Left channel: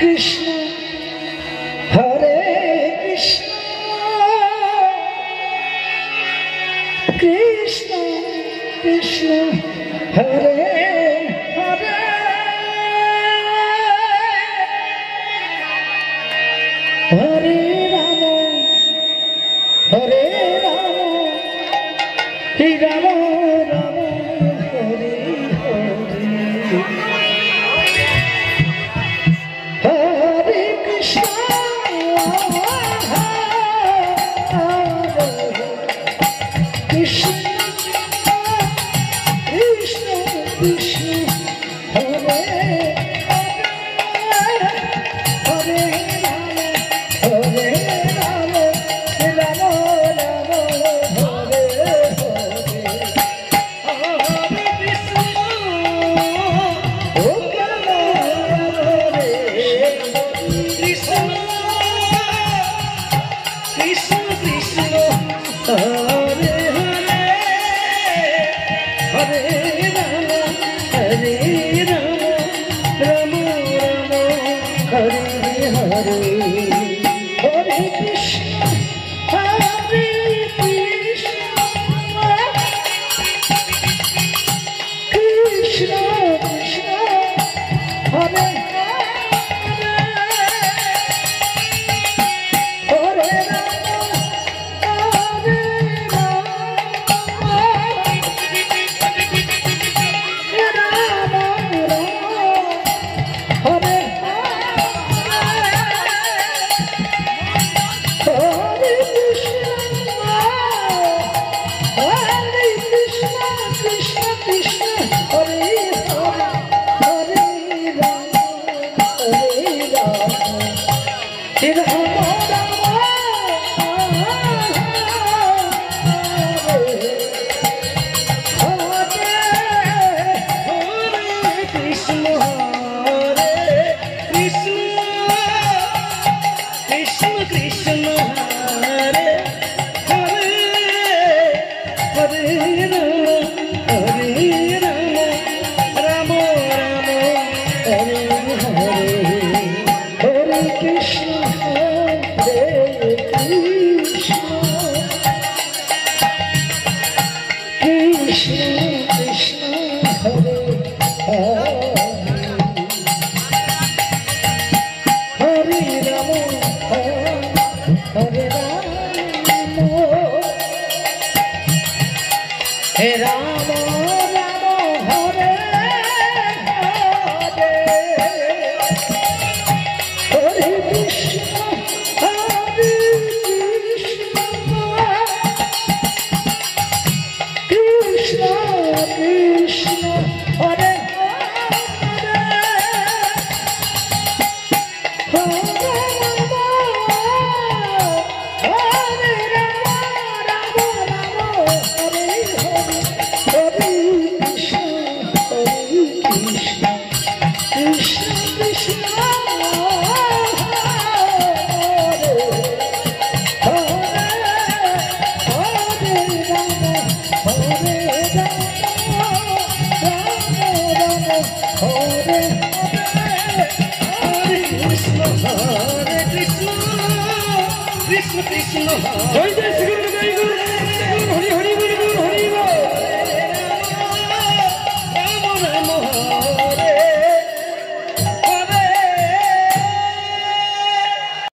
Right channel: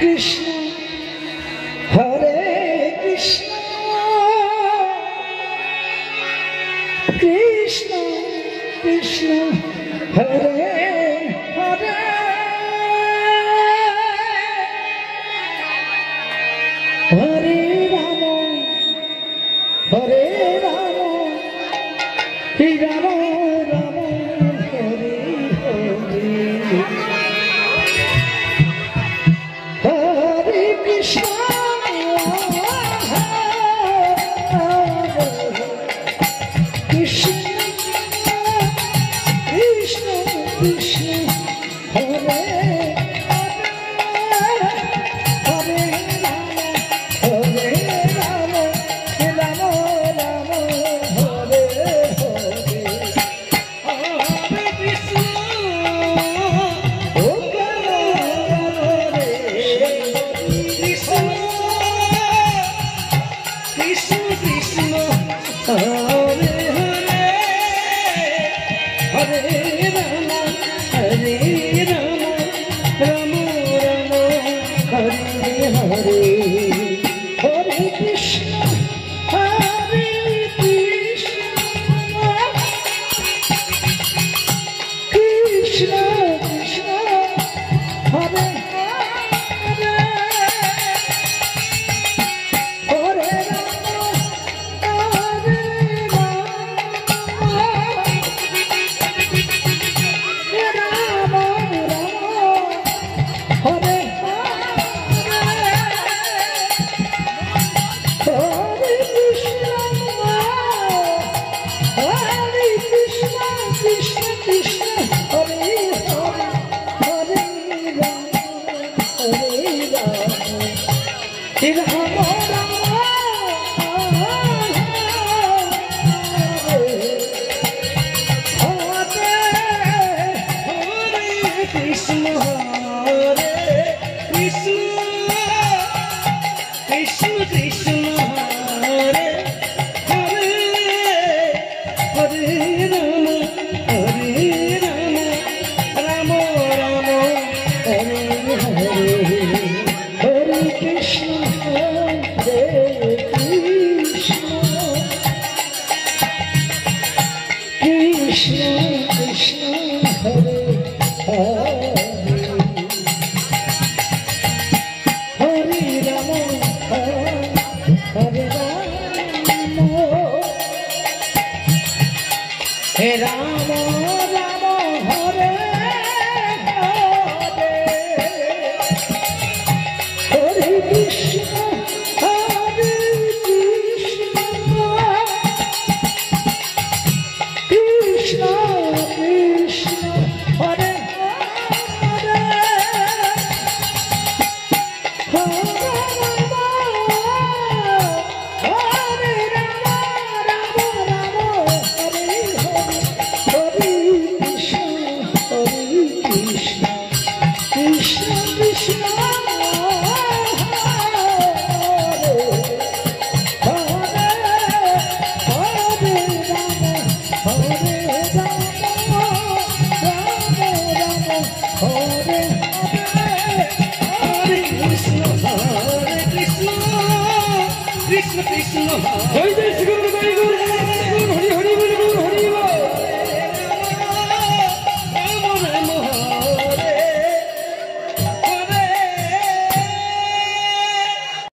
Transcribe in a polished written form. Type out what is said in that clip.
Krishna হরে Krishna Krishna Krishna Hare Hare Hare Ram হরে Ram Ram Ram Hare Hare Hare Krishna Krishna Krishna Krishna Hare Hare Ram হরে Ram Ram Ram Hare Hare Hare Krishna ও Krishna Krishna Krishna Hare Hare Hare Ram হরে Ram Ram Ram Hare Hare Hare Krishna হরে Krishna Krishna Krishna Hare Hare Krishna Krishna Jai Jai Shri